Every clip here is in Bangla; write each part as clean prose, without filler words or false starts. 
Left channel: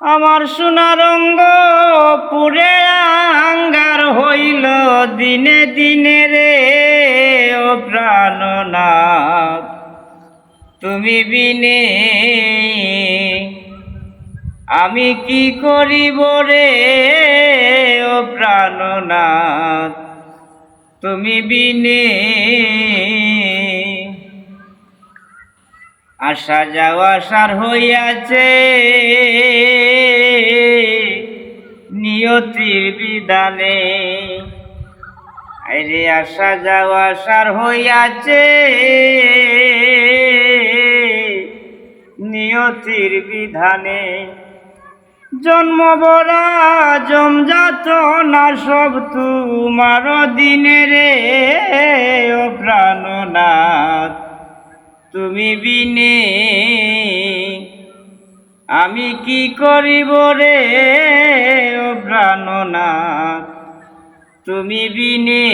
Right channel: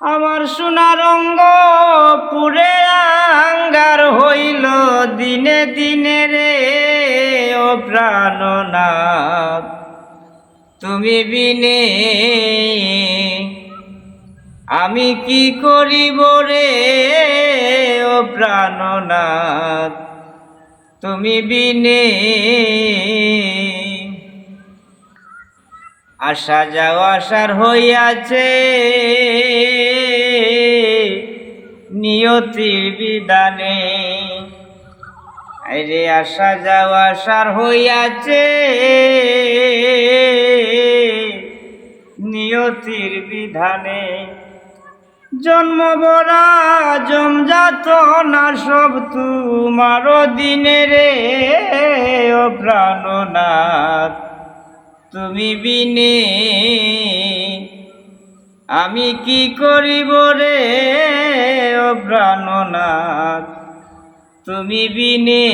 আমার সোনার অঙ্গ পুরে আঙ্গার হইল দিনে দিনে রে ও প্রাণনাথ, তুমি বিনে আমি কি করিব রে ও প্রাণনাথ, তুমি বিনে আসা যাওয়া সার হইয়াছে নিয়তির বিধানে। আরে আসা যাওয়া সার হইয়াছে নিয়তির বিধানে। জন্ম বরা জমজাত না সব তোমার দিনে রে ও প্রাণনাথ, তুমি বিনে আমি কি করিব রে ও প্রাণনাথ, তুমি বিনে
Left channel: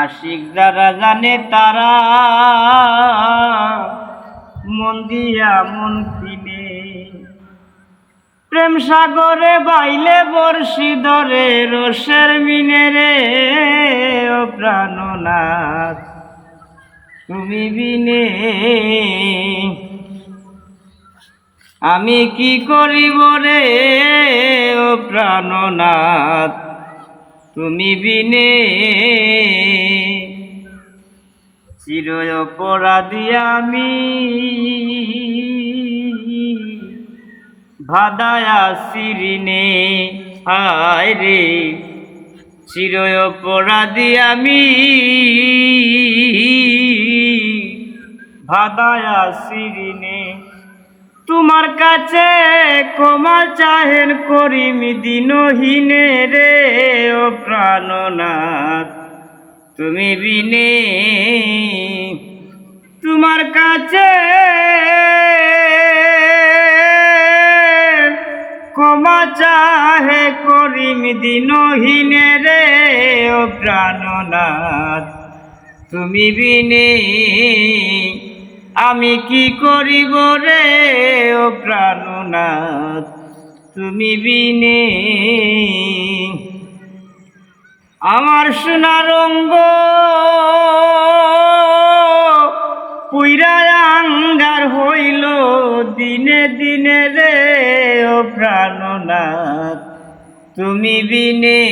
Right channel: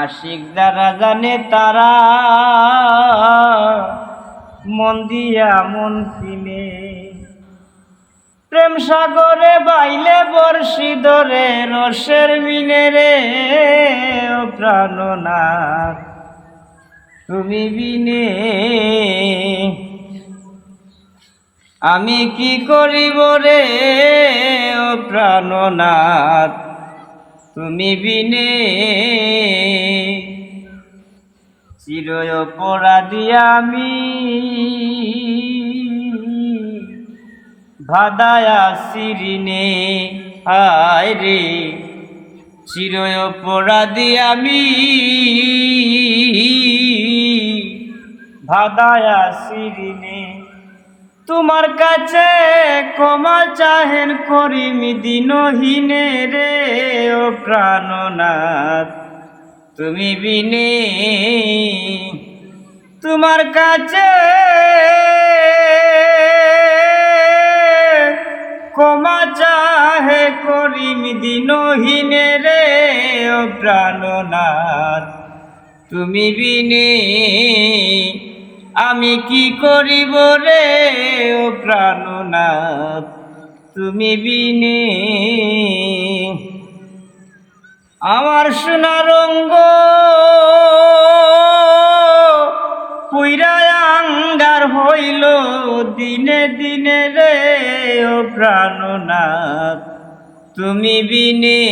আশিক যারা জানে তারা মন দিয়া মন কিনে। প্রেম সাগরে বাইলে বর্ষি ধরে রসের মিনে রে ও প্রাণনাথ, তুমি বিনে আমি কি করিব রে ও প্রাণনাথ, তুমি বিনে চির অপরাধী আমি ভাদায়া শিরিনে। হায় রে চির অপরাধী আমি ভাদায়া শিরিনে। তোমার কাছে ক্ষমা চাহেন করিম দিনহীনে রে ও প্রাণনাথ, তুমি বিনে তোমার কাছে ক্ষমা চাহে করিম দিনহীনে রে ও প্রাণনাথ, তুমি বিনে আমি কি করিব রে ও প্রাণনাথ, তুমি বিনে আমার সোনার অঙ্গ পুইরা আঙ্গার হইল দিনে দিনে রে ও প্রাণনাথ, তুমি বিনে